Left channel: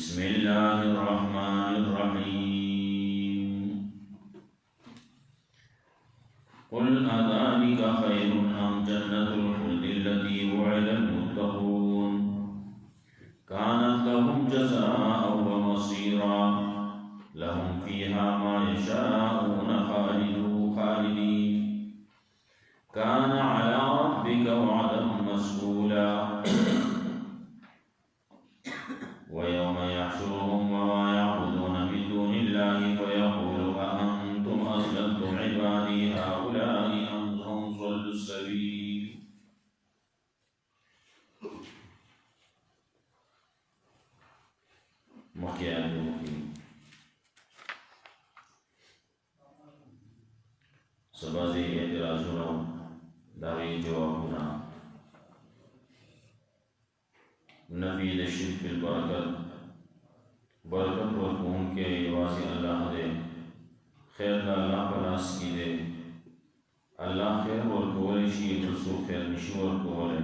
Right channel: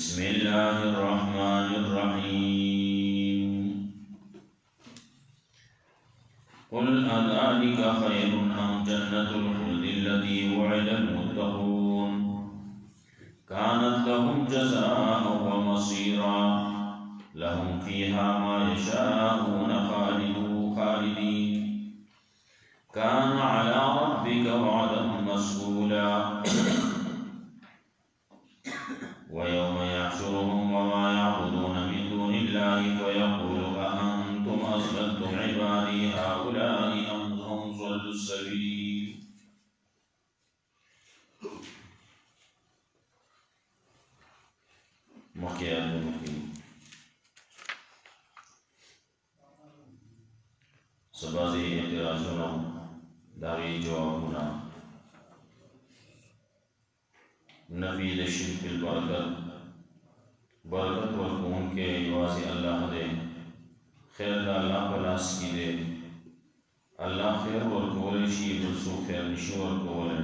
بسم الله الرحمن الرحيم قل أذلك خير أم جنة الخلد التي وعد المتقون كانت لهم جزاء ومصيرا لهم فيها ما يشاءون خالدين كان على ربك وعدا مسئولا ويوم يحشرهم وما يعبدون من دون الله فيقول أأنتم أضللتم عبادي هؤلاء أم هم ضلوا السبيل سبازي اعتراضونه داغي جوابنا نفی د شرک البرکت ورکون کے یوازی اللہ دے خیر دا اللہ پلاس کی دے اللہ خیر ورکولے شی بلسو خیر نشی ورکولے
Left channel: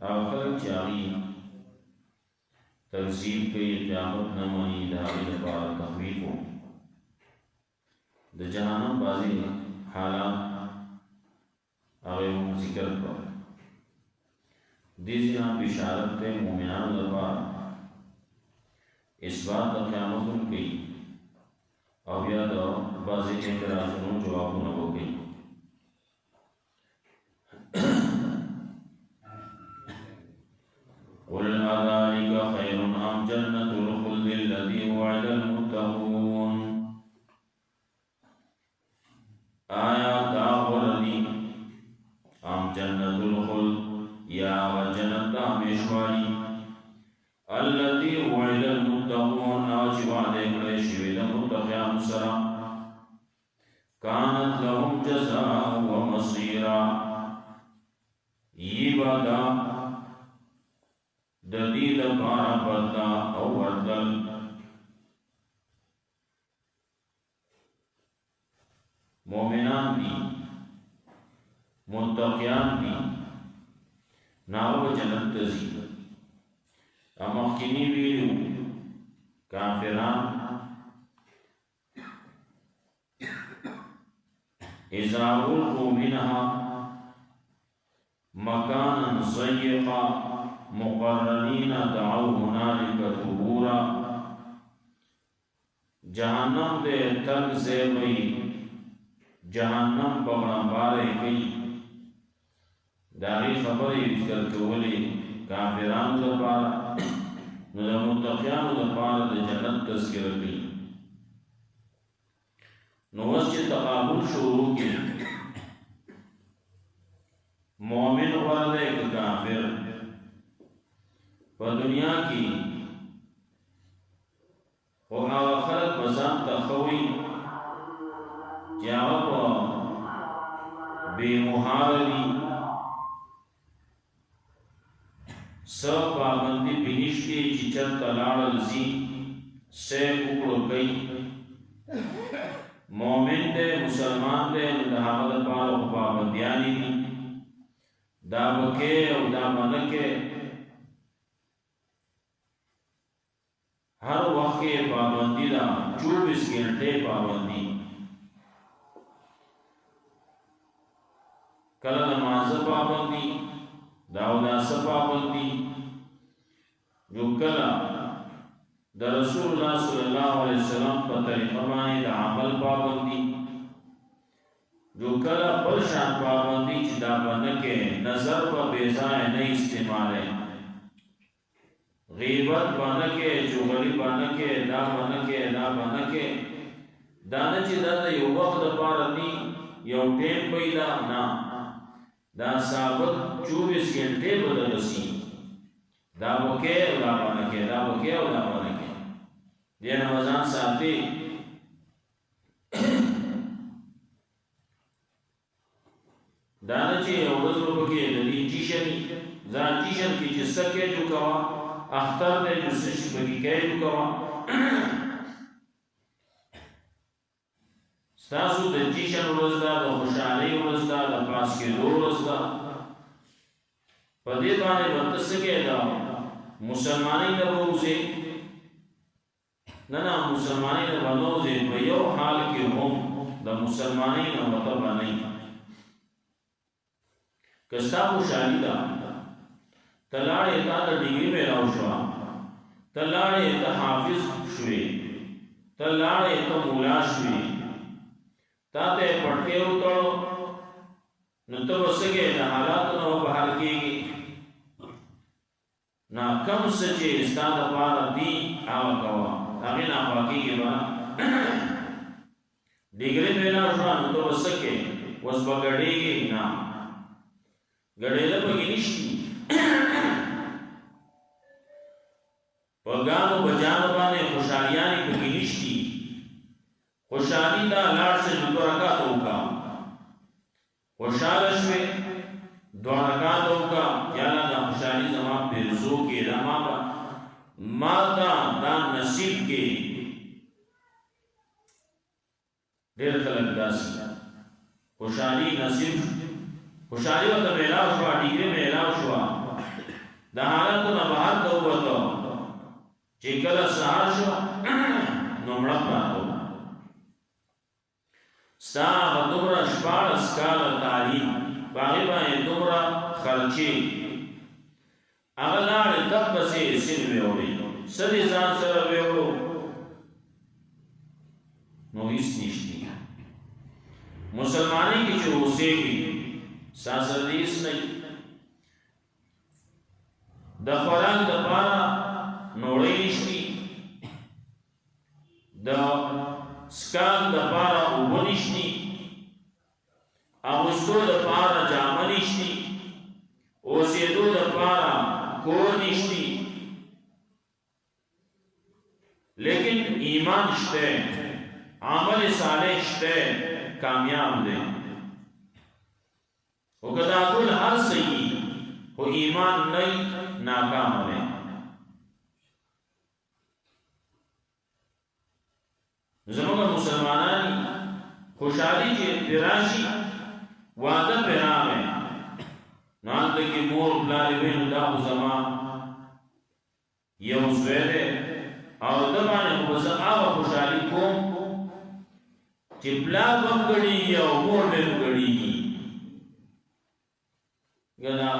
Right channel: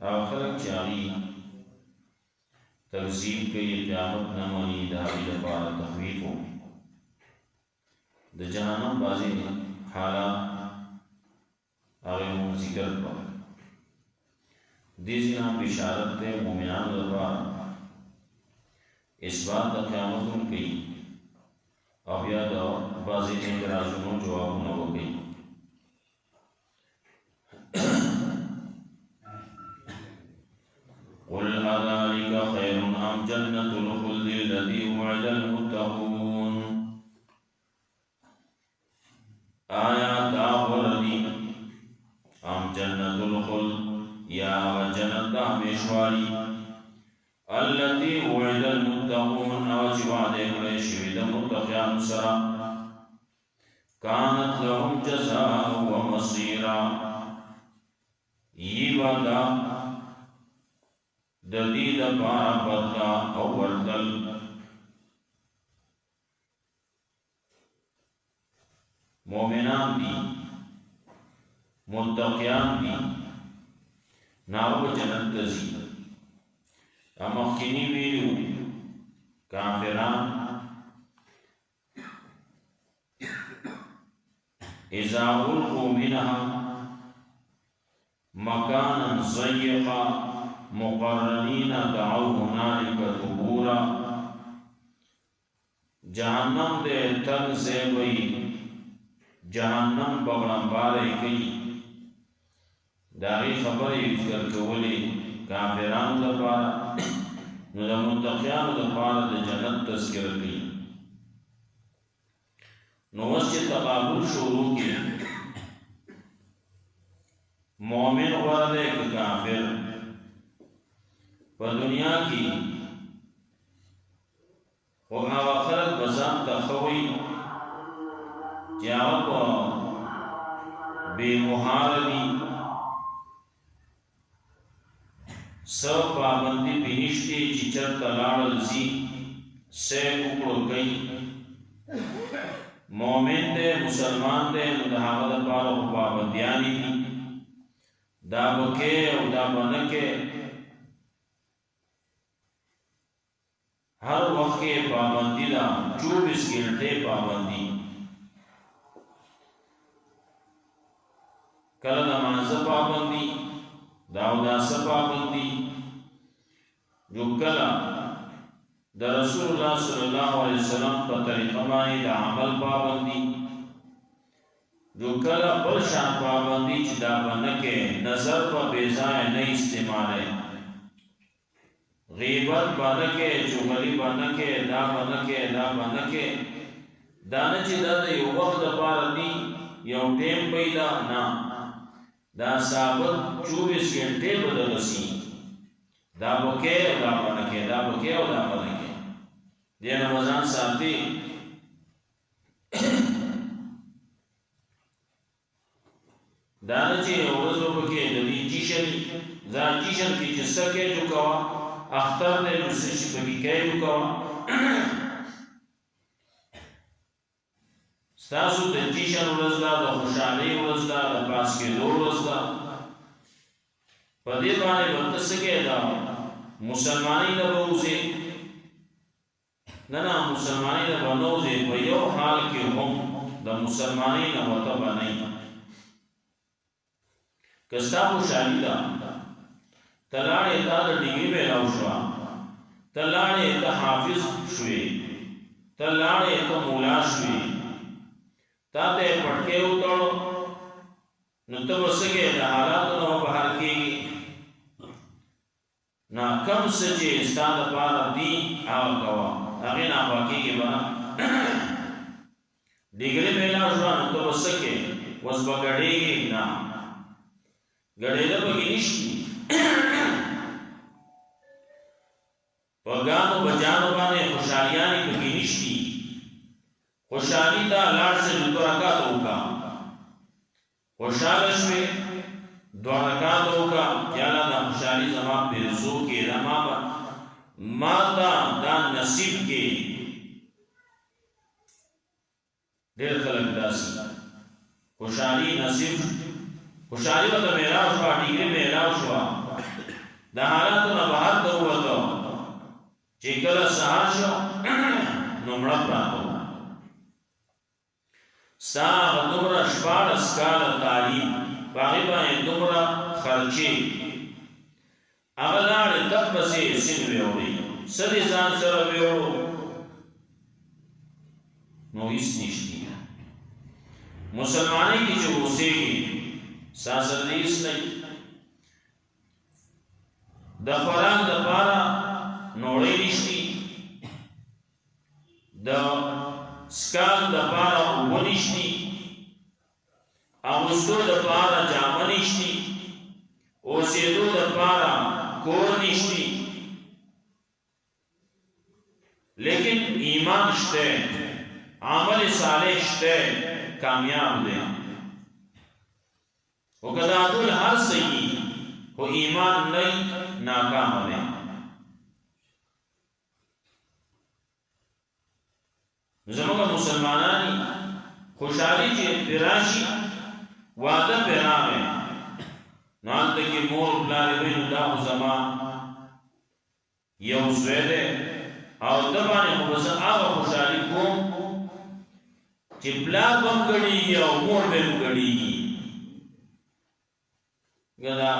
خلق چاہی تکذیب کئی قیامت نمانی داغی دپار تخویفو د جہنم بازی حالات آغیرون ذکر کرو دیزی نام بشارت تے مومنان دربار اس بات دا قیامتون کئی او یا دا بازی اعتراضونو جوابون ہو گئی قل اذالک خیر ام جنت الخلد الذی وعد المتقون آیا دا وردی ام جنت الخلد یا جنت دا ہمیشوالی التي وعد المتقون آج وعدے کڑے شوید متقیان سرا كانت لهم جزاء ومصيرا یہ وعدہ ددید پارا بدلا او وردل مومنان دی متقیان دی ناو جنت تزی امخینی ویلو کافران اذا القوا منها مکانا ضیقا مقرنین دعوا هنالک ثبورا جہنم دے تنگ زیبئی جہنم بغنبارے کئی داغی خبری ذکر کولی کافران دپارا نو دا متقیان دپارا دا جنت تذکر کی نو وسچ تقابل شروع کی مومن ورد ایک کافر پا دنیا کی و آغا خلق بزان تخوی جاغا پا بے محارلی سب پابندی بینشتی چیچر تلال زی سے ککڑو کئی مومن دے مسلمان دے مدحاغد پارو پابندیانی دی دا بکے او دا بنکے ہر وقت کے پابندی دا 24 گھنٹے پابندی کل نماز پابندی داودا پابندی جو کلا دا رسول اللہ صلی اللہ علیہ وسلم پر طریقہ مانی دا عمل پابندی جو کلا بلشان پابندی چی دا بنکے نظر پر بیزائے نہیں استعمالے غیبت بنکے چغلی بنکے دا بنکے دانا چی دا یو وقت پاردی یو ٹیم پیدا نا دا ثابت 24 گھنٹے بدلسی دا بکے او دا بنکے دین وزان ساتھی دانا چی اوڑزو بکے دلی جیشنی زان جیشن کی جسا کے جو کوا اختر دے جسشی بکی کے جو کوا ستاسو د جیشن ورځ ده د خوشحالۍ ورځ ده د پاس کېدو ورځ ده په دې باندې وخت سګه دا مسلمانۍ نه بوزي نه مسلمانۍ نه بنوزي په یو حال کې هم د مسلمانۍ نه وته باندې کستا خوشالي ده تلاړې تا د ډیګري میلاو شو تلاړې ته حافظ شوې تلاړې ته مولا شوې تا ته پټکې وټړو نو ته وسګې د حالاتو نه بهر کېږي نا کم سچې ستاد پار دی هغه کوا هغه نه پاکيږي بنا ډیګري میلاو شو نو ته وسګې وس بغړېږي نه غړېده پکې نشي پګانو بجانو باندې خوشاليانې پکې نشي خوشالي دا لاړ څه د رکعات وکا خوشاله شوي دوه رکعات وکا یا لا د خوشالي زما په رزق کې دا ما دا نصیب کې ډېر خلک داسي خوشالي نصیب خوشالي وته میلاو شو ډیګري میلاو شو د حالاتو نه بهر ته وته چې کله سهار شو نو مړ پاتو ساغ دومره شپاړس کاله تعلیم باغې باندې دومره خرچې هغه لاړې دپسې سین ویوړې سدې ځان سره ویوړو نو هیڅ نشتی مسلمانۍ کې چې اوسېږي ساسردیس نه د خوراک د پاره نوړې نشتی د سکال د پاره اوبه نشتی اغوستو د پاره جامه نشتی اوسېدو د پاره کور نشتی لیکن ایمان شته عمل صالح شته کامیاب دی وکدا ټول هر صحیح خو ایمان نه ناکام دی زموږ مسلمانانی خوشحالي چې پراشي واده پراغه نال ته کې مور بلار وین دا زما یو زویده او د باندې خو زه هغه خوشحالي کوم چې بلار بم غړي او مور به غړي گنا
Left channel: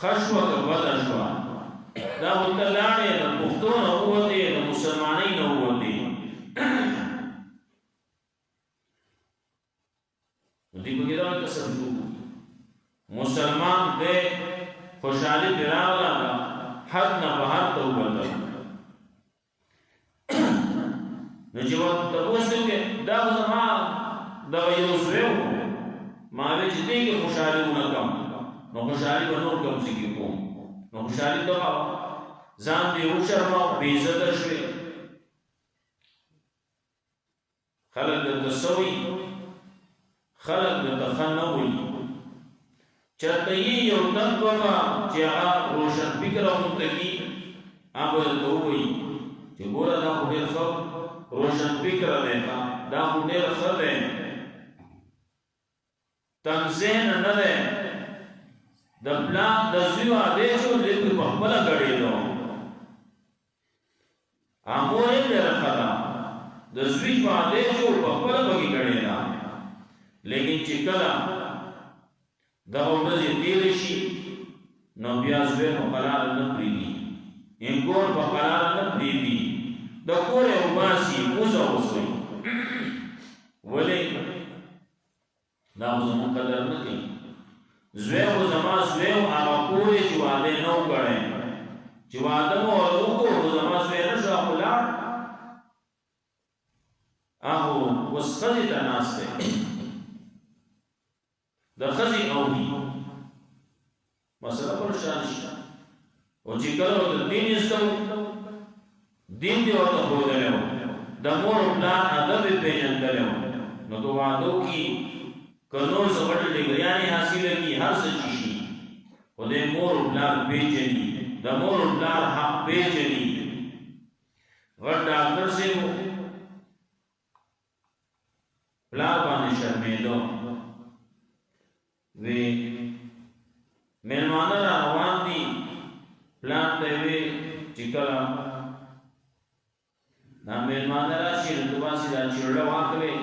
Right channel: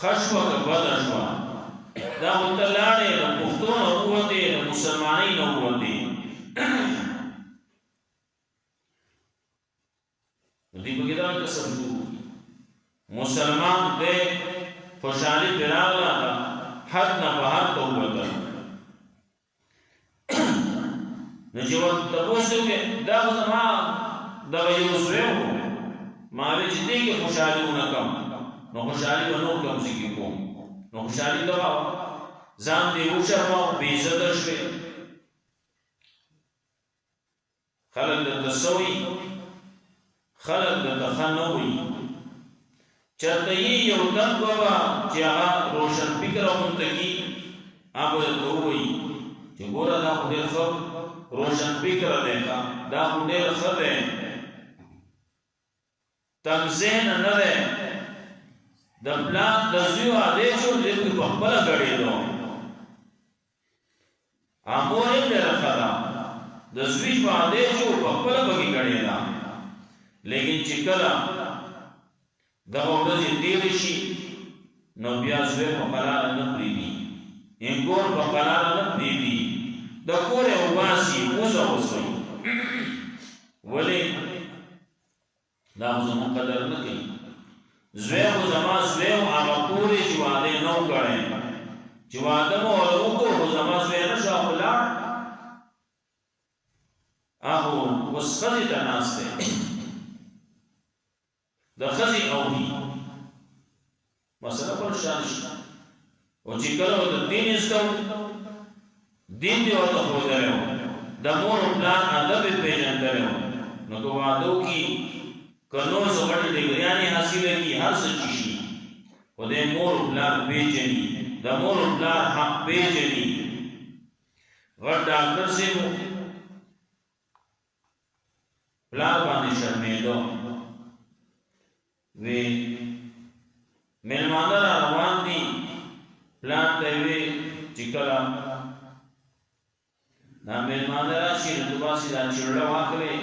خشوه که بدشوه دا وطلاړې د پښتو نه ووتې د مسلمانۍ نه ووتې دې پکې دا کسب شو مسلمان دې خوشحالي براغله ده حد نه بهر ته ووتل نو چې تاسو کې دا زما دغه یو زوی ما وی چې دې کې خوشحالي ونکم نو خوشحالي به نور کم ځکه کوم نو خوشحالي دغه ځان دې وشرمو بې عزته شوې خلک د تسوي خلک د تخنوي چرته یو تن بابا چې هغه روشن فکر اونتګي هغه ته وایي چې ګوره دا ډېر ښه روشن فکر دی دا ډېر ښه دی تنزیه نه ده د پلان د زیو آدیشو دې په خپل غړېدو امور یې درخدا د زوی په آدیشو په خپل بګي غړېدا لیکن چې کله دا ورځې تیر شي نو بیا زوی په قرار نه پریدي انګور په قرار نه پریدي د کور او باسي موزه وسوي ولې دا زمون قدر نه کوي زوی او زما زوی او هغه پورې چې واده نو کړي چې واده مو ورکو زما زوی نه شو خلاړ هغه وسخدي ته ناشته د خزي او دي مسله پر شان شي او چې کله د دین استو دین دی ورته خو درو د مور پلان ادب پیژندل نو کو وادو کی کنو زغټ ډیګریانې حاصله کی هر څه شي او د مور پلان پیژني د مور پلان حق پیژني ور ډاکټر سي پلان باندې شرمېدو وی میلمانه را روان دي پلان ته وی چې کله دا میلمانه راشي نو دواسي دا چړه واکلې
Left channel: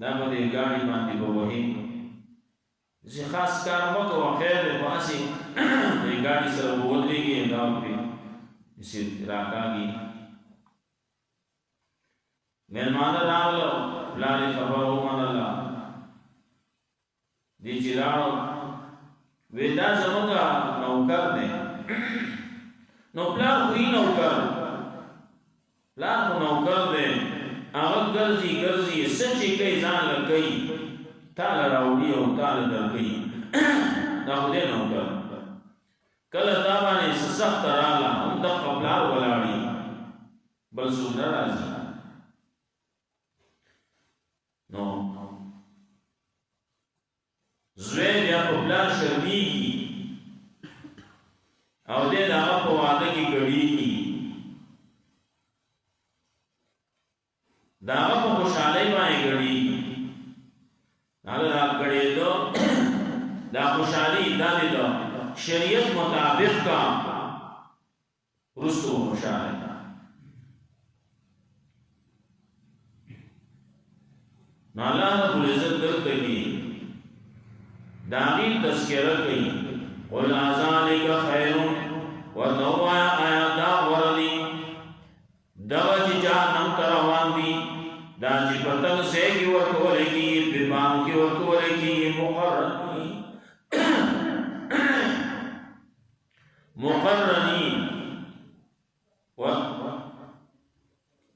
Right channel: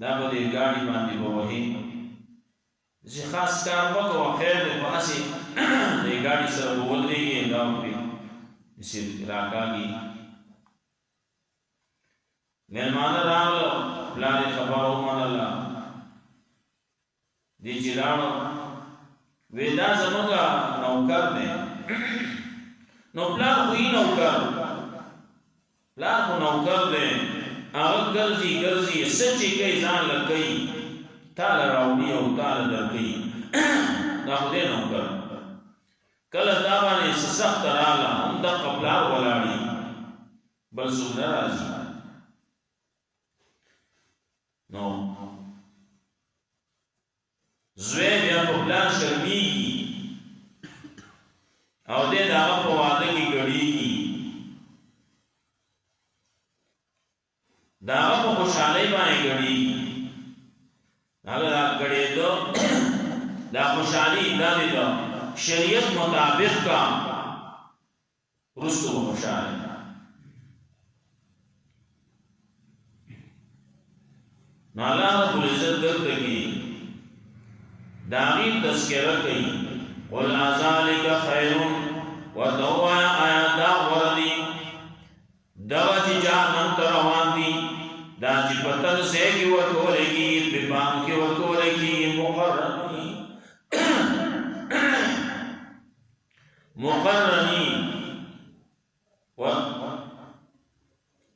دا به دې ګاډي باندې ووهي چې خاص کار وکړو خیر دې خو اسې دې ګاډي سره ودرېږي دا پرې چې راکاږي میلمانه راغلو پلار خبر ومنله دې چې لاړو وی دا زمونږه نوکر دی نو پلار خو یې نوکر پلار خو نوکر دی هغه ګرځي ګرځي څه چې کوي ځان له کوي تاله راوړي او تاله درکوي دا خو دی نوکر کله دا باندې څه سخته راغله همدغه پلار ولاړي بل څوک نه راځي نو زوی بیا په پلار شرمیږي او دې د هغه په واده کې ګډېږي د هغه په خوشحالۍ باندې ګډېږي هغه را ګډېدو دا خوشحالي دا دې د شریعت مطابق کا وروسته خوشحاله نو الله رب العزت دلته کې داغی تذکرہ کئی قل ازالک خیر و دوایا آیا دا وردی دغا چی جانم تروان دی دا چی پتنگ سے کی ورکولے کی ببان کی ورکولے کی مقررنی مقررنی و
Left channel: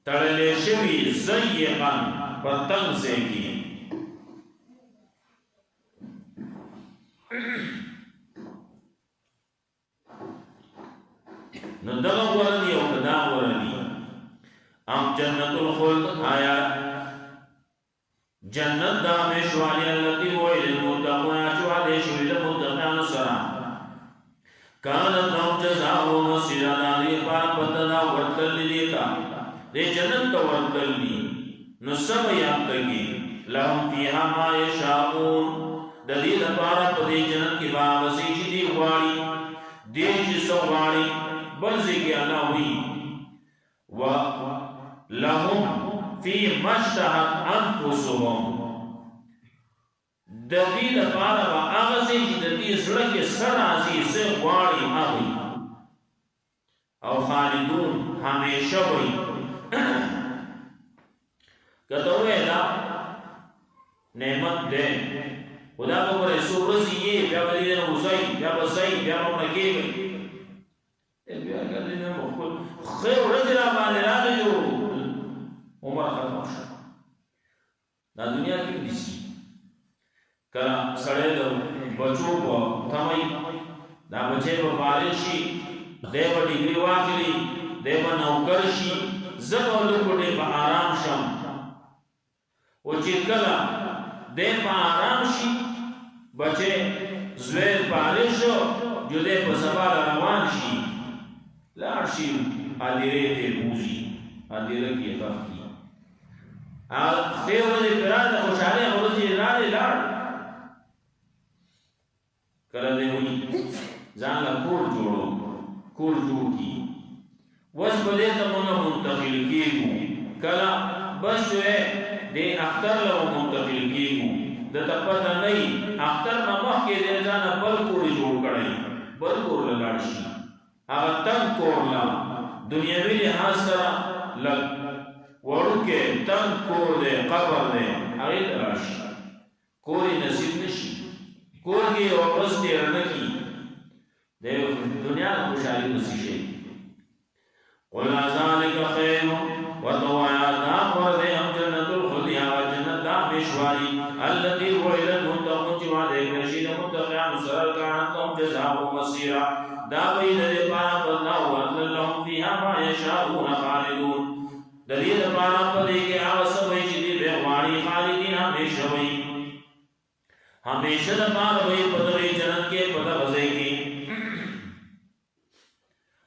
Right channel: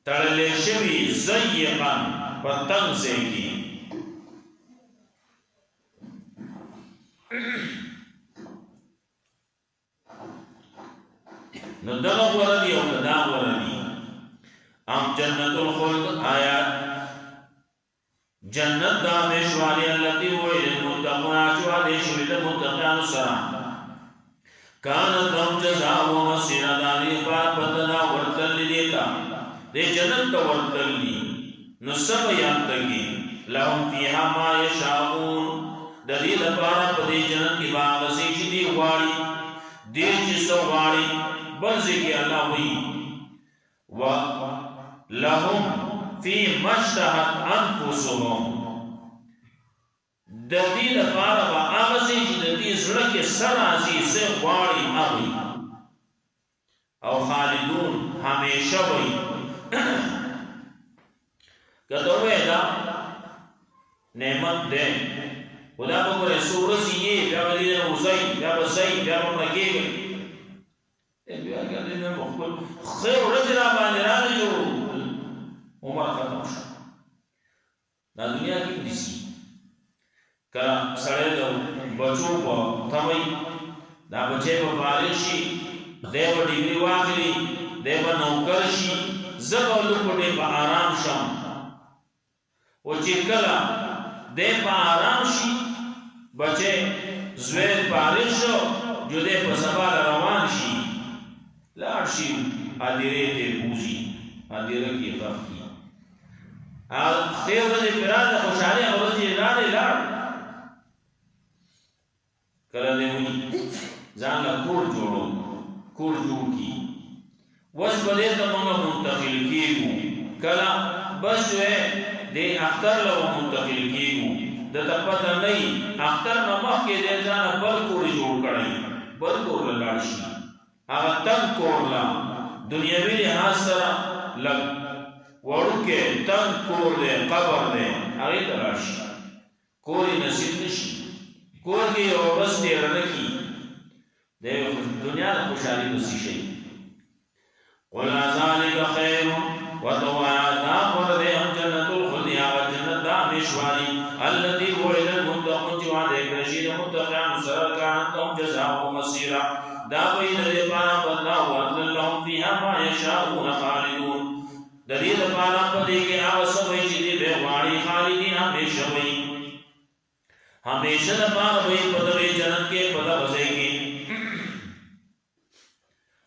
تڑلے شوی زیقن پتنگ سے کی نو دغه ورنی او کدا ورنی ام جنت الخلد آیا جنت دا میشوالی اللتی وعید المتقون آچوا دیشوی دا متقیان سرا کانت لهم جزاء و مسیر دانی پارا بدنا ورتل لیتا دے جنت تا ورتل لی نو سب یادتگی لهم فیها ما یشاؤون د دې لپاره په دې جنت کې باغ سي چې دی غواړي دې چې سو غواړي بل ځکه الله وی و لهم فی مشتهت انفسهم د دې لپاره هغه چې د دې زړه کې سر راځي سه غواړي هغه او خالدون همیشه وي کته ودا نعمت ده خدا په ګره سورزي یې بیا ولې نه وځي بیا بځي بیا په کېږي بیا ګرځي نه مخول خیر رجل باندې راځو عمر ختم شو دا دنیا کې دي کله سړی د بچو په تمای دا بچي په فارغ شي دیو ډیګري واخلي دیو نوکر شي زبو لوګټه په آرام شم او چې کله دے پا آرام شي بچے زویر پارش شو جو دے پا سبال روان شي لار شي آدیره تے بوزی آدیره کی خف کی خیر رضی پراد خوشحالی رضی رانے لار کلا دے ہوئی زان لا کور جوڑو کور جوڑ کی وش بلے تا منگا منتقل کیگو کلا بس جو ہے دے اختر لو منتقل کیگو دتا پتا نئی اختر نمخ کے دے جانا بل کوری جوڑ کڑائی بل کور للارشی آغا تنگ کور لا دنیاوی لحاظ سرا لگ وڑو کے تنگ کور دے قبر دے آغی للارشی کوری نصیب نشی کور کی اور بس دیر نکی دے دنیا خوشحالی بسی شئی قل ذالک خیر وتوایا دا ورد ام جنت الخلد یا جنت دا مشواری التي وعد المتقون جوا دے رشید متقین سرر کانت لهم جزاء مسیرا دا بید دے پارا بدلا ورد لهم فیها ما یشاؤون خالدون دلیل پارا بدے کے آوسا بھئی جدی بے غواری خالدین ہمیشہ بھئی ہمیشہ دا پارا بھئی پدوی جنت کے پدہ بزے گی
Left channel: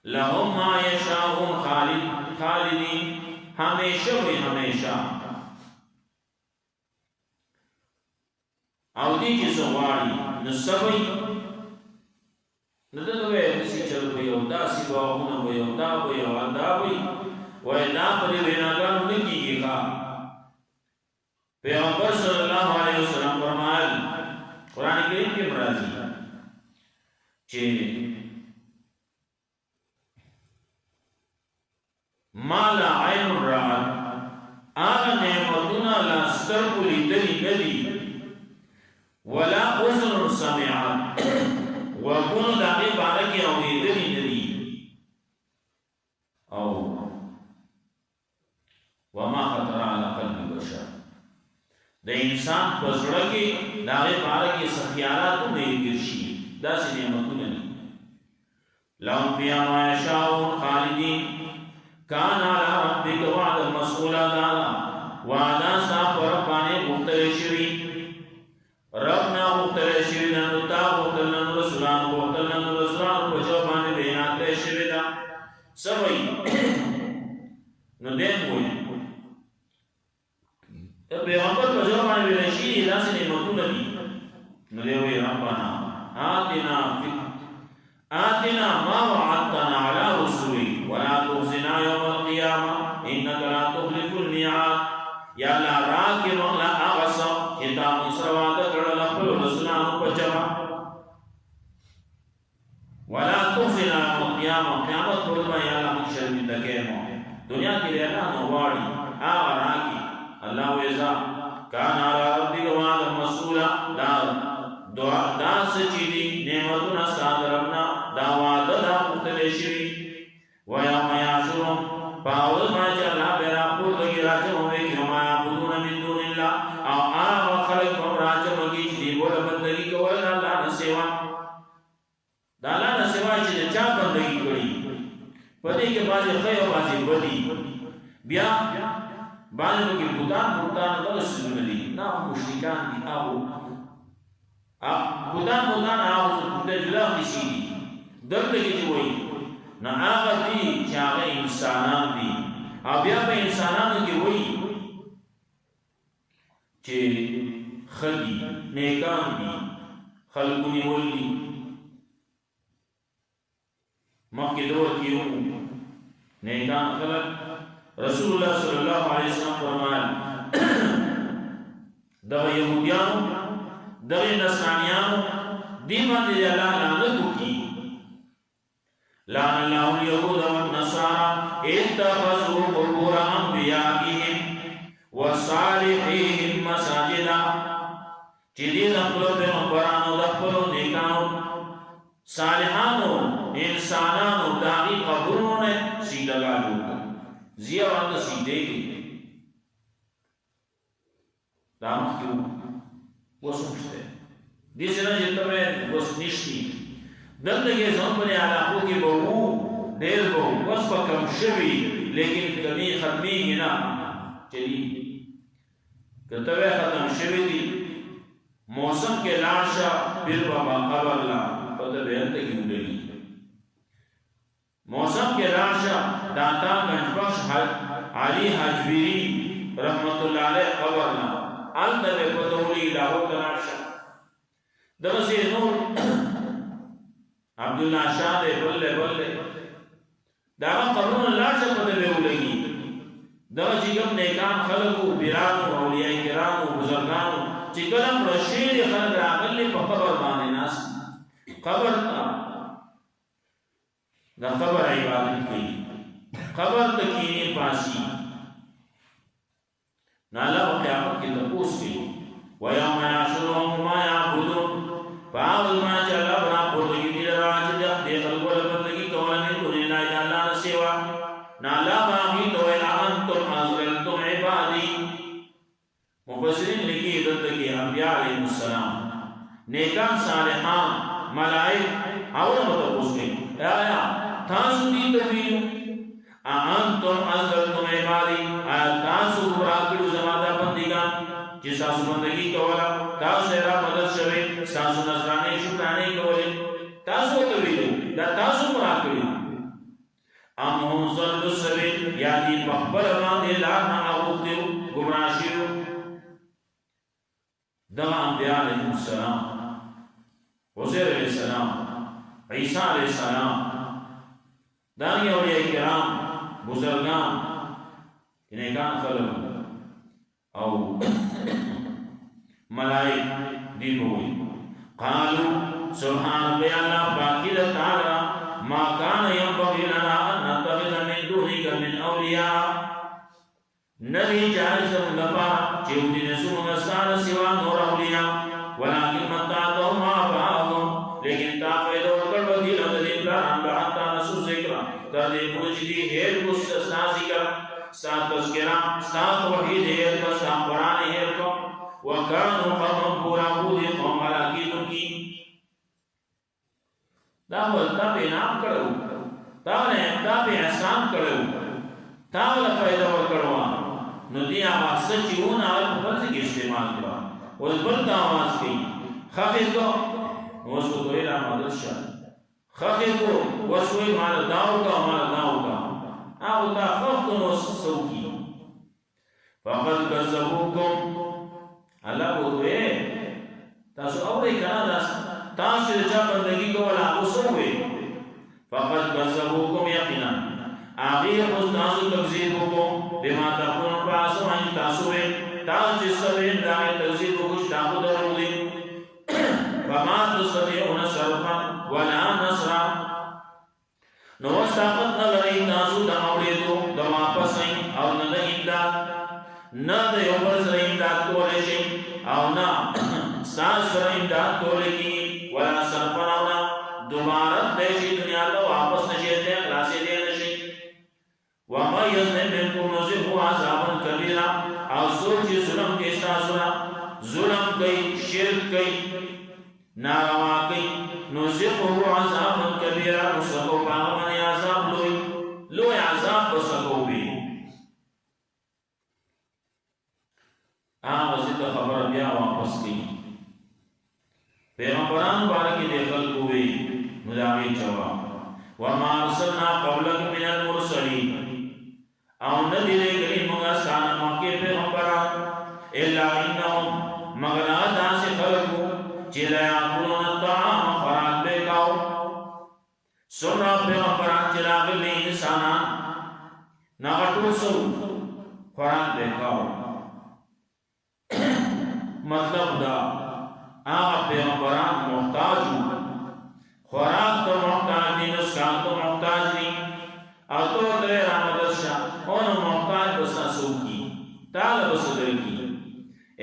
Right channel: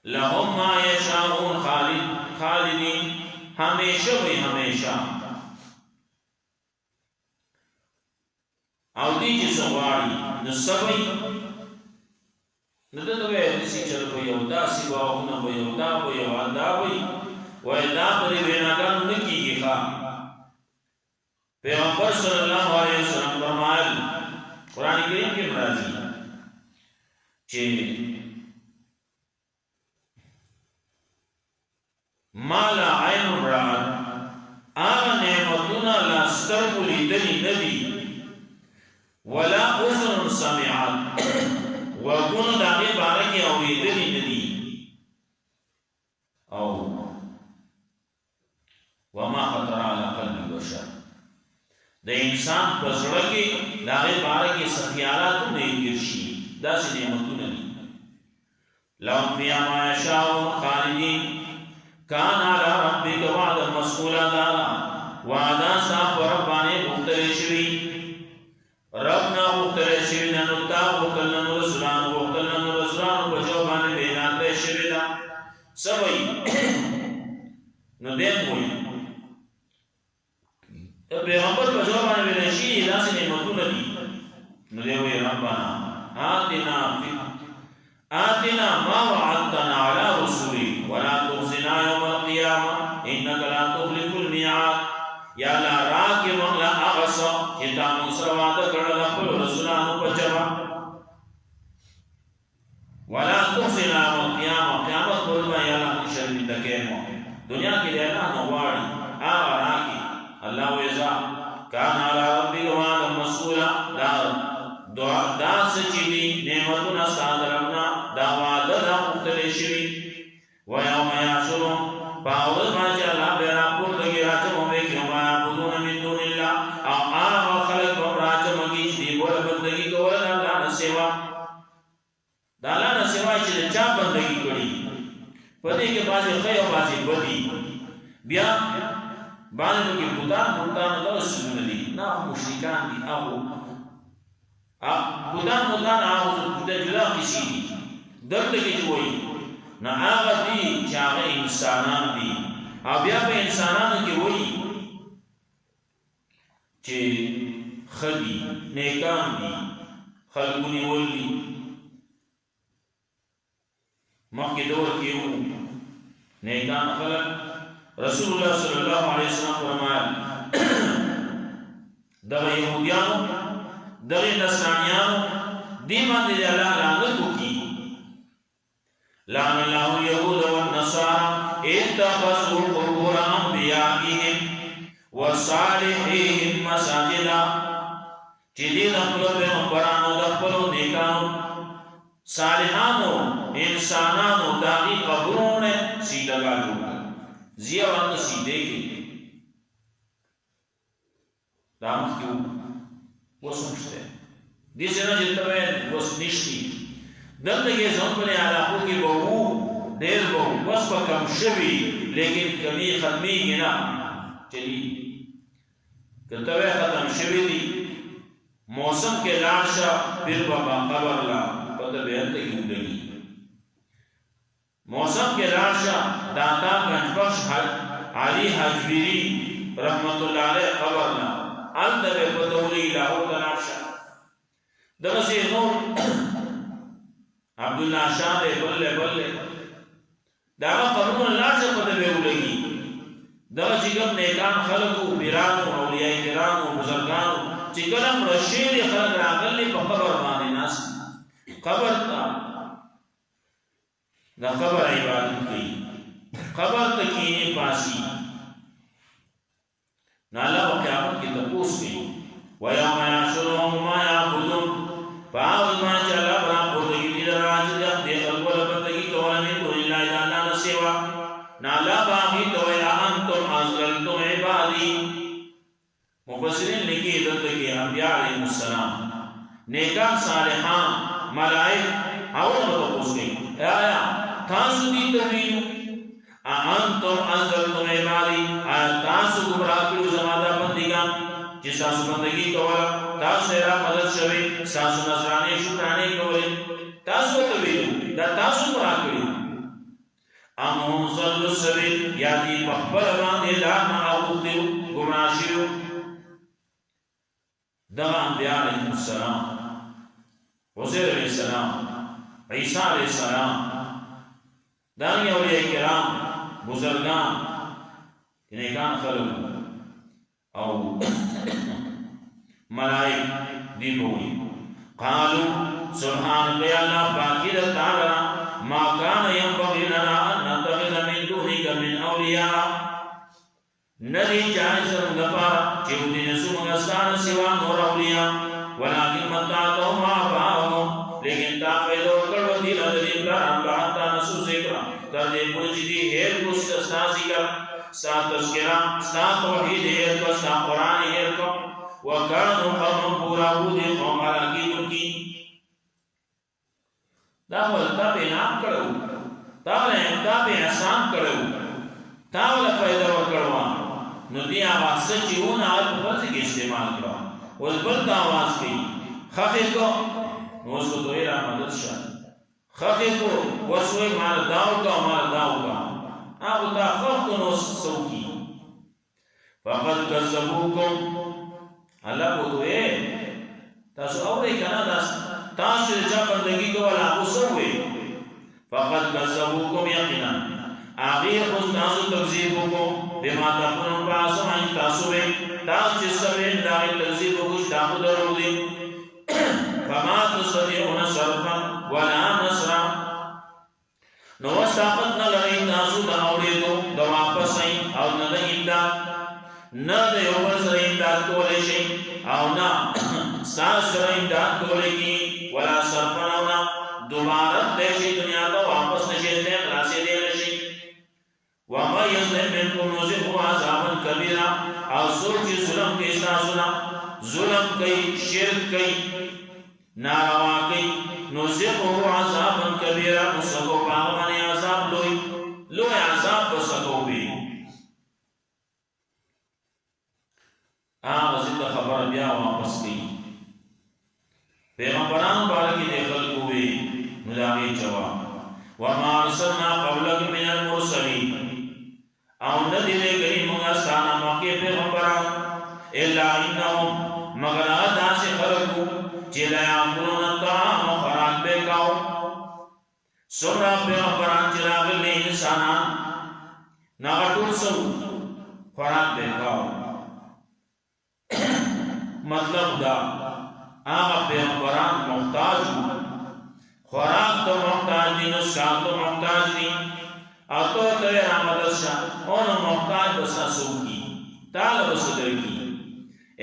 لهم ما یشاؤون خالدین ہمیشہ وی ہمیشہ او دی جی سغواری نسبی ندن وی دسی چل بی او دا سی باغون بی او دا بی او دا بی وی دا پدی بیناگانو نکی گی خواه پیغمبر صلی اللہ علیہ وسلم فرمائل قرآن کریم کے مرازی چه مالا عین رعب آغا نعمتنا لا سترگو لیدنی ندی ولا اذن سمعت وگونو داغی بارکی اوریدنی ندی او وما خطر على قلب بشر د انسان په زړه کې داغه باره کې سخیالات نه ګرځي داسې نعمتونه دي لهم فيها ما يشاءون خالدين كان على ربك وعدا مسئولا دادا وعدا ستا پر باندې غوښتل شوی رب نه غوښتل شوی نن تا غوښتل نن رسولان غوښتل نن رسولان په جواب باندې وینا کړی شوی دا سوي نو دې وایي پیغمبر په جواب باندې ویل شي داسې نعمتونه دي نو دی وی ربانا آتنا ما وعدتنا على رسولك ولا تخزنا يوم القيامة إنك لا تخلف الميعاد یا لا راکی مغلا آغسا چتا مصر وعده کړل خپل رسولانو په جمع ولا تخزنا يوم القيامة قیامت پر ما یا لا شرمنده کېمو دنیا کې دی الله نو واړي آغا راکی اللہ ویزا کان علی ربک وعدا مسئولا دا سچی دی نعمتنا استاد ربنا دا وعده دا مختلف شوی ویوم یحشرهم پاول باندې الله بیرا پورتگی راجم ہوئے کہ ما یعبدون من دون اللہ او آغا خلق بم راجم کی دی بول بندگی کول اللہ نه سوا دا اللہ نه سوا چې چا بندگی کړي پدې کې بازي خیر او بازي بدی بیا بعض لوگ بوتان دغه سجونه دي نه مشرکان دي هغه بوتان هغه د جلا قصې دي دلته کې وایي نه هغه دي چې هغه انسانان دي او بیا په انسانانو کې وایي چې خدي نیکان دي خلقونی ولي مخکې دور کې وو نیکان خلق رسول الله صلی الله علیه وسلم فرمایل دغه يهوديان دغه نصرانيان دی باندې الله لعنت وکي لعن الله اليهود والنصارى اتخذوا قبور انبيائهم وصالحيهم مساجدا چې دې د خپل پیغمبرانو د خپل نیکانو صالحانو انسانانو داغي قبرونه سیدګالو زیه وانه سیده کې دامت کیو وسمشته دې څنګه چې تبه وس نشتی دلته کې ځون په علاقو کې به وو ډېر به وس په کم شوی لیکن کمی ختمي نه چلی کته ختم شوی دی موسم کې لاشه پیر بابا قبر لا پته به ته کې لګي موسم کے راشا داتا گنجبخش علی حجویری رحمت اللہ علیہ قبرنا الدب پتولی لاہو تلاشا دغسی نور عبداللہ شاہ دے بلے بلے داغا قبرون اللہ شا پتوے اولگی دغا چکم نیکان خلقو پیرانو اولیاء کرامو بزرگانو چکلم رشید خلق راقلی پا قبر بانے ناس قبر تا دا قبر عبادت کی قبر تکینی پاسی نالا و قیامت کی تپوس کی وَيَوْمَ يَحْشُرُهُمْ مَا يَعْبُدُونَ فَأَعُوذُ مَا جَلَّ بَرَا پُرْتَگی دِلَ راج دیخ دیخل گولا بندگی کولمی دونی اللہ اللہ نسیوا نالا باقی توئی اَنْتُمْ أَزْلَلْتُمْ عِبَادِي مفسرین لکی دلتکی انبیاء علیہ السلام نیکان صالحان ملائک اور متپوس گئی آیا تاسو دی تویو انتم ازلتم عبادی آیا تاسو گمراہ کړو زما دا بندگان چې تاسو بندگی کوله تاسو را مدد شوي تاسو نصرانی شکرانه کولې تاسو تویو دا تاسو گمراہ کړو ام ضل السبيل یا دی بخبر باندې لا نه اوتیو گمراہ شیو دا انبیاء علیہ السلام عزیر علیہ السلام، عیسیٰ علیہ السلام، دانگی اولیاء کرام بزرگان نیکان خلق او ملائک دی بوئی قالو سبحانک یا اللہ پاکی دا تعالی ما کان ینبغی لنا ان نتخذ من دونک من اولیاء ندی جائز مندپارا چیودی نسو مگستان سوا نور اولیاء ولیکن متعتهم آباءهم لیکن تا فیدو کڑو دیل ادری پلاران لحتا نسو ذکرہ تردی پرجدی حیر کو ستا ذکر ستا تذکرہ ستا توحید حیر کو ستا قرآن حیر کو وکانو قوم پورا بودی قوم علاقی درکی داول تا پہ نام کرو تا پہ احسان کرو تاولا فائدہ ورکڑوان نو دی آواز سچیون آل برزی کی استعمال کرو اس بلتا آواز کی خفی کو اس کو تو ایرہ مدد شا خفی کو وسوئی مال داو کا آگو تا خف کو نو سو کی فقد کذبوکم اللہ کو تو اے تاسو اوڑے کنا تاسو جا بندگی کو والا آگو سوئے فقد کذبوکم یقینا آغی خود تاسو تکذیبو کو بما تقنون پاسو آئین تاسوئے تاس جس سوئے داغی تکذیبو کچھ داخل درو دی فما تستطيعون صرفا ولا نصرا نو طاقت نہ لري تاسو د اوریدو د واپس ای او نه د امداد نه د یو بل سره امداد کولای شي او نه ساس سره امداد کولای کی ولا صرفا نه دوباره د شي دنیا ته واپس نشي ته خلاصې دی نشي وما يظلم منكم نذقه عذابا كبيرا او سوچ ظلم کې تاسو نه ظلم کوي شرک کوي ناروا کئی نوزقه عذابا کبیرا نسکو پاغمانی عذاب لوی عذاب بسکو بھی زد خبر بیا واپس کی پیغمبران بارکی دے خلق ہوئے نداغی جواب وما ارسلنا قبلک من المرسلین او ندی لے گلی منگا سانا موقع پیغمبران الا انہم مگر آدھا سے خلق ہو چلا یاکلون الطعام خوراک بے کاؤ سورا پیغمبران چلا گلے انسانان ناغتول سو خوراک بے کاؤ مطلب دا آغا پیغمبران محتاج ہو خوراک تو محتاج دی نسکان تو محتاج دی آتو ترے رامدد شاہ انہوں محتاج بسا سو کی طالب صدر کی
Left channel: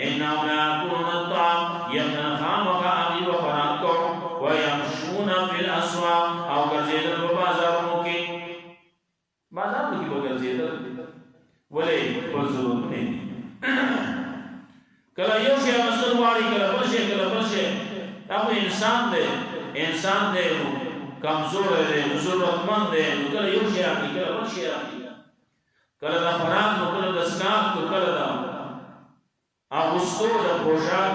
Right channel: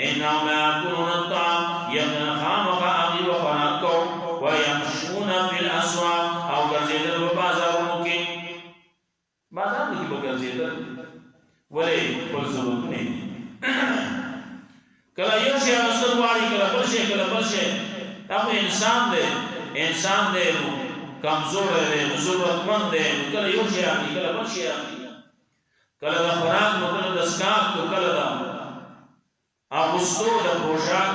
انہم لا یاکلون الطعام یقن خامقا عقیب خوراک کو ویمشون فی الاسواق او گرزیدت و بازاروں کے بازار میں کی وہ گرزیدت ولی کل ضرورت نہیں کلا یو شیع مستلواری کلا بلشے اپنے انسان دے کمزور دے ضرورت مند دے کلا یو شیع اپنی کلا بلشے اپنی کلا دا خوراک نو کلا دا سکاک کو کلا دا آغستو دا پوشاک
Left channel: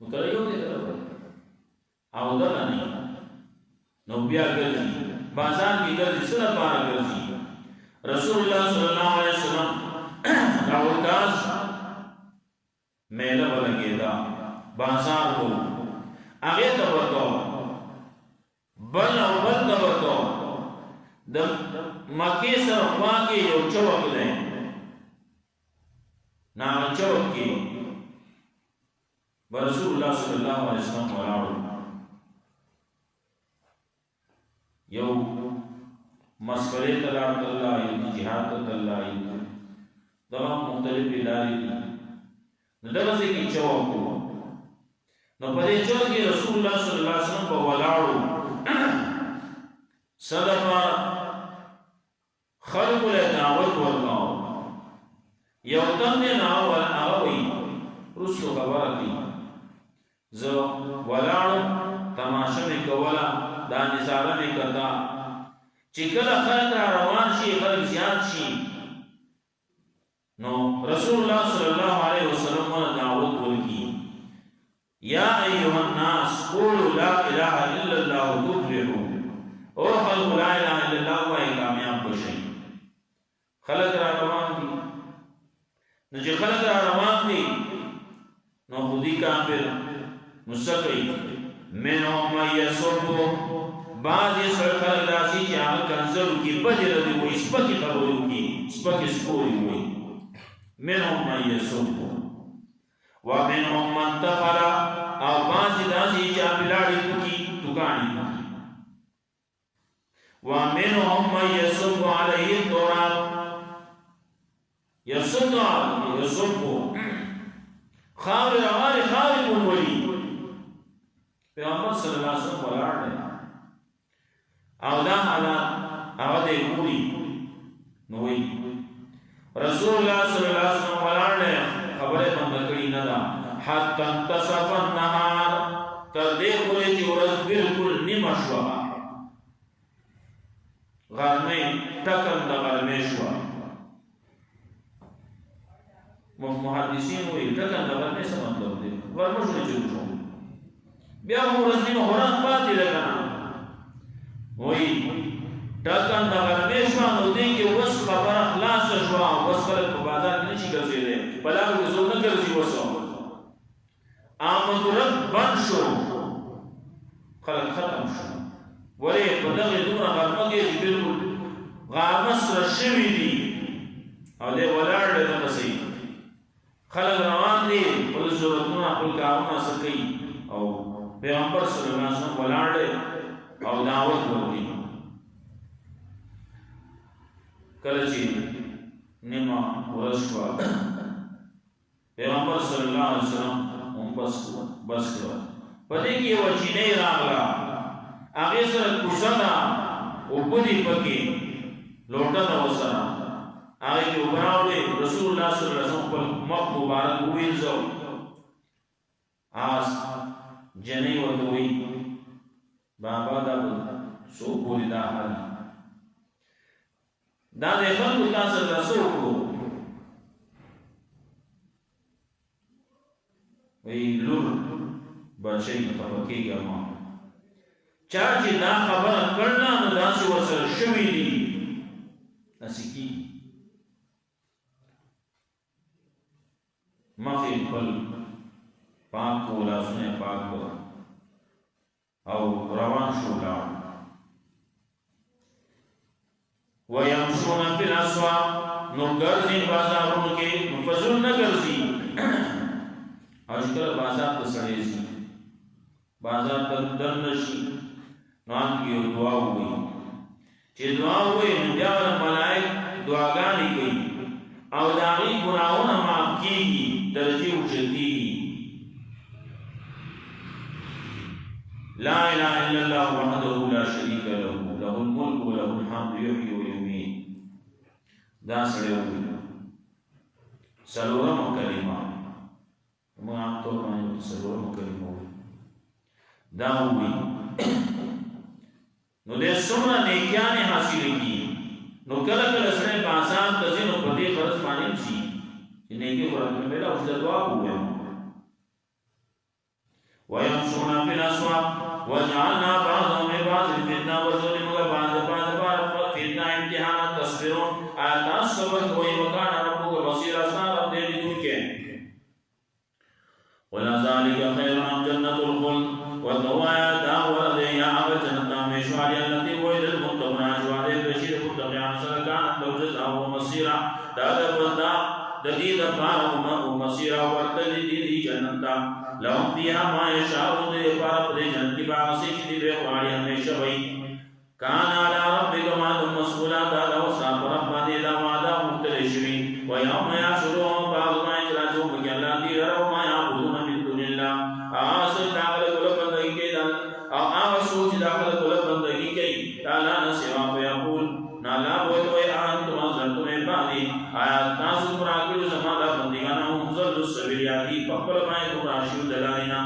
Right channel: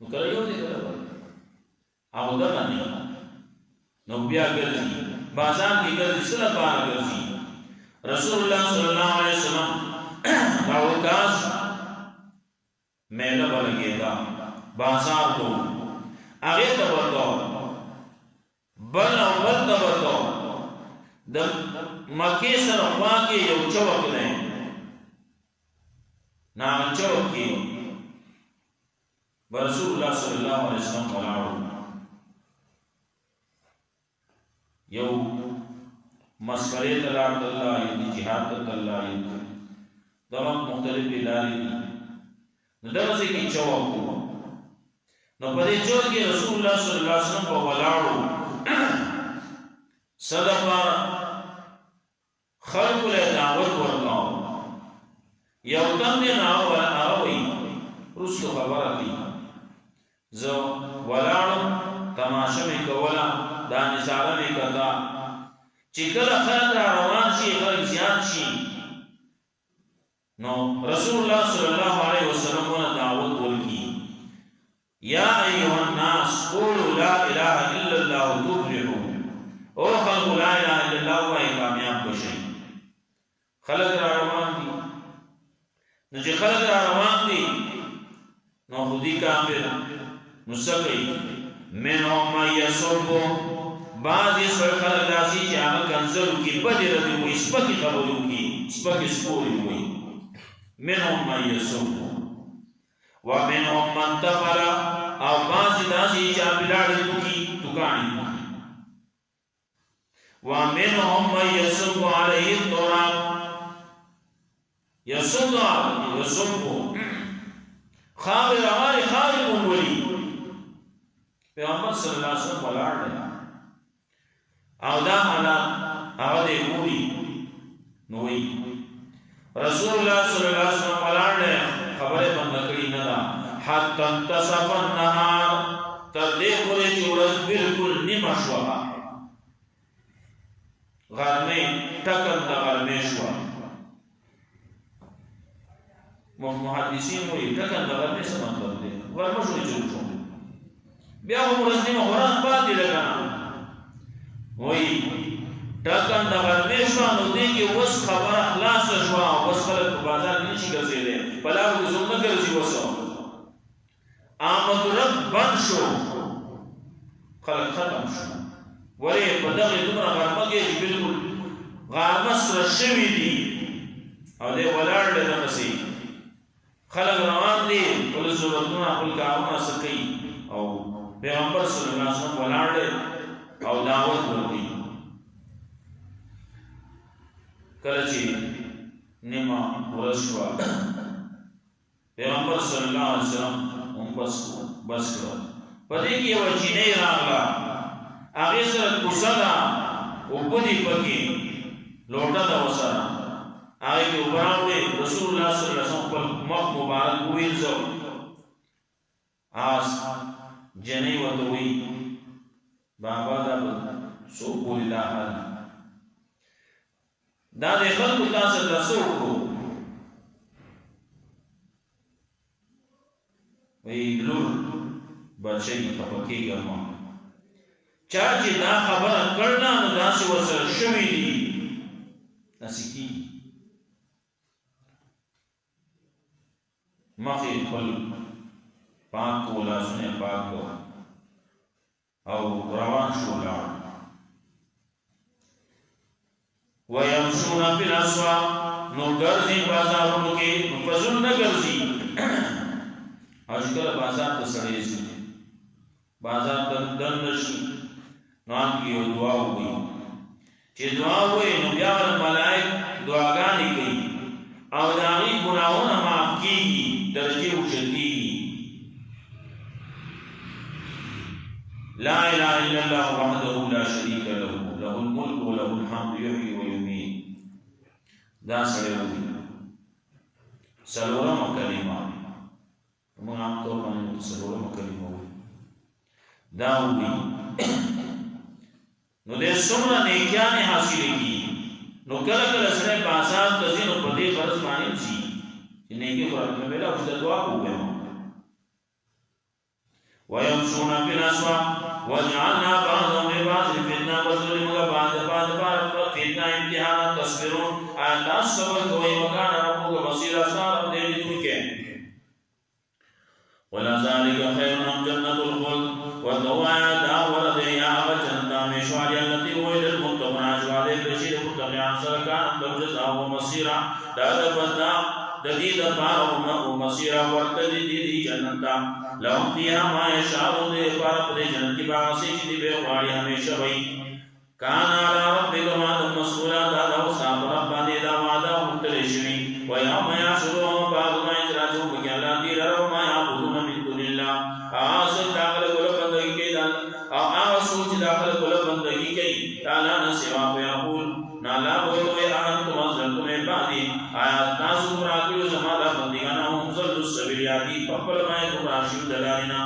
نو کلا یو دے کلا بلد آغو دا بنی نو بیا گرزی بازار کی گرزی صلح پارا گرزی رسول اللہ صلی اللہ علیہ وسلم دا عکاز میلہ بلگے دا بازار کو آگے تبتو بل او بل تبتو دا مکی سر خواہ کے یو چوک دے نام چوک کی برسول اللہ صلی اللہ علیہ وسلم ملارو یو مسکرے تلارد اللہ یو دی جہاد اللہ یو دغه مختلف لارې دي نو دغه ځای کې چوک وو نو په دې چوک کې رسول الله صلی الله علیه وسلم په ولاړو صدقه خلق له دعوت ورکاو یو تن نه اول هغه رسو خبره کوي زه ولاړو تماشه مې کوله دا نظاره مې کړه چې کله خلک روان شي خلک زیات شي نو رسول اللہ صلی اللہ علیہ وسلم نے دعوت ورکی یا ایوہ الناس قولوا لا الہ الا اللہ تفلحوا او خلق لا الہ الا اللہ وہی کامیاب بشئی خلق را روان دی نو جی خلق را روان دی نو خودی کافر نسکی منهم من یسبو بعضی سر خلق داسی چی آغا کنزلو کی بدی ردی ہوئی سپکی خبرو کی سپکی سپوری ہوئی منهم من یسبو ومنهم من تفلا او بعضی داسی چی آبیلاڑی تکانی ومنهم من یسبو علیه التراب یسبو خاور روانی خاور بنولی پیغمبر صلی اللہ علیہ وسلم ولار لے او دا حالات آغا دے گوری نوئی رسول اللہ صلی اللہ علیہ وسلم ولار لے خبر بندکڑی ندا حتی انتصف النهار تر دے پورے چی ورز بالکل نمشوا غرمی ٹکن دا غرمی شوا محدثین ہوئی ٹکن دا غرمی سے مطلب دے غرمی شوئی چلو شو بیا وہ مرزنی میں خوران پاتی لگنا وہی ٹکن دا غرمی شوا نو دے کہ وس خبر اخلاص شوا وس خلق بازار کی نیچی کرزی دے پلاو کی زور نکرزی وسو آمد رب بند شو خلق ختم شو ولی پدغی دمرا غرمگی جی بالکل غارمس رشوی دی او دے ولار لے دمسی خلق روان دی پل ضرورتونا پل کارونا سکی او پیغمبر صلی اللہ علیہ وسلم ولار لے او دعوت ورگی کلچی نما ورشوا پیغمبر صلی اللہ علیہ وسلم بس کرو پدے کی وہ چینے راغلا آگے سر کسنا اوپدی پکی لوٹا دا وسنا آگے کی اوپراو دے رسول اللہ صلی اللہ علیہ وسلم پر مق مبارک ہوئی زو آس جنہی وطوئی بابا دا سو پوری دا حال دا دے خلق تاثر دا سو کو وی لور بچے خپکی گا ماں چاچی دا خبر کرنا نو دا سی وصل شوی دی نسی کی مخی پل پاک کو لاسنے پاک کو او روان شو لار ویمشون فی الاسواق نو گرزی بازاروں کے فضل نہ گرزی آج کل بازار تا سڑیزی بازار تا دنشی نام کی دعا ہوئی چی دعا ہوئی نو بیاور ملائک دعاگانی گئی او داغی گناہونا معاف کی گی درجی اچھتی گی لا الہ الا اللہ وحده لا شریک له له الملک و له الحمد یحیی و یمیت دا سڑے ہوئی سلورم کلمہ میں آپ تو پانی سلورم کلمہ ہوئی دا ہوئی نو دے سمرا نیکیانے حاصل کی نو کل کل سڑے بازار تزین و پدے فرض مانیم سی نیکی قرآن میں بیلا اس دعا ہوئے ہوں وَيَمْشُونَ فِي الْأَسْوَاقِ وَجَعَلْنَا بَعْضَهُمْ لِبَعْضٍ فِتْنَةً وَظُلِمًا بَعْضَ فِتْنَةً امتحانا تَصْبِرُونَ آیات صبر کوئی وَكَانَ رَبُّكَ بَصِيرًا سارا دے دن کے وَلَا ذَلِكَ خَيْرٌ أَمْ جَنَّةُ الْخُلْدِ وَتَوَايَا دا وَرَدَ يَا جَنَّةَ مِشْوَارِ الَّتِي وَعِدَ الْمُتَّقُونَ أَجْوَادِ بَشِيرٌ مُتَّقِيًا سَلَكَانَ لَهُ جَزَاءٌ وَمَصِيرًا دا بندا ددید پار و مسیرہ ورتد دی جنتا لهم فيها ما يشاءون دے پار پدے جنت کی باسی کی بے خواری ہمیشہ وئی کان علی ربک وعد مسئولا دا لو صاحب رب دے دا وعدہ مختلشوی و یوم یحشرهم بعض ما اجراجو بکی اللہ دیر رو ما یعبدون من دون اللہ آسل داخل کل بندگی کی آغا سوچ داخل کل بندگی کی تالا نسوا فیقول نالا بوتوئے انتم ازلتم عبادی آیات تاسو مراکلو زمادہ بندگانا ہم ظل السبیلیاتی پپل مائے تمراشیو دلالینا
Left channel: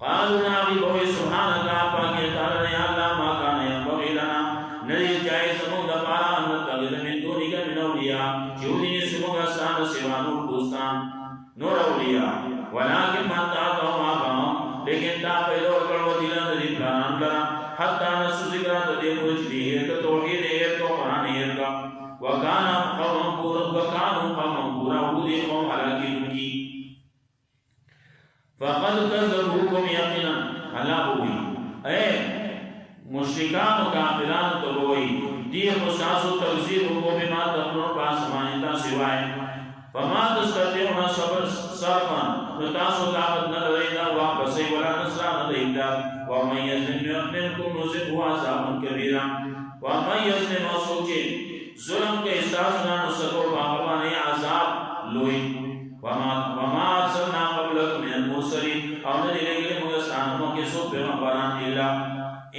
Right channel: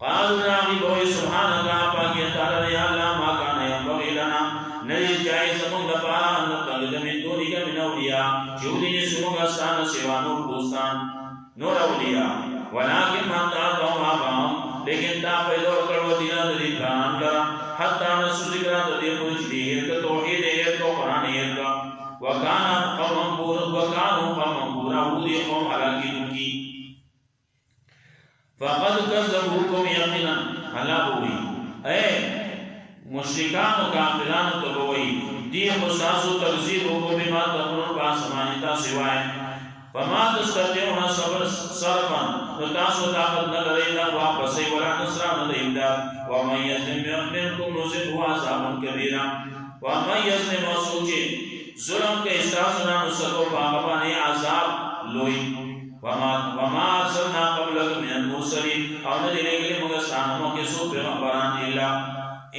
قالوا ناغی بوئی سبحانکا پاکی تعالی یا اللہ ما کانا ینبغی لنا نریز جائے سمون دپارا انتغل من دونی کا من اولیاء چودینی سمونگا سانا سوانور دوستان نور اولیاء ولیکن من تاتاهم آبام لیکن تا پیدور کرو دیلان دی پلان لرا حتی نسو ذکرات دی پوچھ دی ہے توحید ہے تو قرآن ہے وکانا قوم بورا ودی قوم حلاکی دنگی فقد كذبوكم یقینا اللہ بوئی اے مشرکان و کافران تو بوئی دی خصاص و تغذیب کو بما تقنون باسمانیتا سوائے فما تستطيعون صرفا نتاسو طاقت نلرينا واپسی ولا نصران الامداد ومن يظلم منكم نصبه عذابا كبيرا ومن يظلم سوچے ظلم کے استاسنا نسکو باغبانی عذاب لوئی وما ارسلنا قبلك من المرسلين او ندی لگلی مگستانمو کے سو پیغمبران اللہ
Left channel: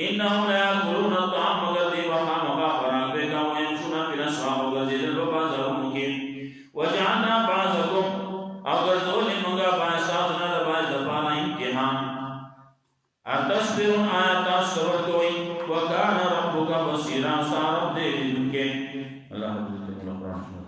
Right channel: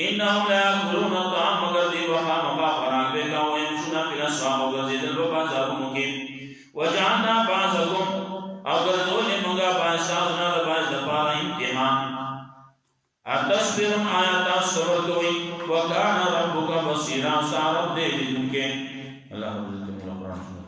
انہم لا یاکلون الطعام مگر دی وخا مقا فراغ بے کا ویمشونا فی الاسواق وگرزیدن ببازاروں کے وجعلنا بعضكم اگر زول منگا باعثاتنا لباعث دفارا امتحان اتصبرون آیات صبر کوئی وکان ربک بصیرا سارب دے دن کے اللہ حضرت القرآن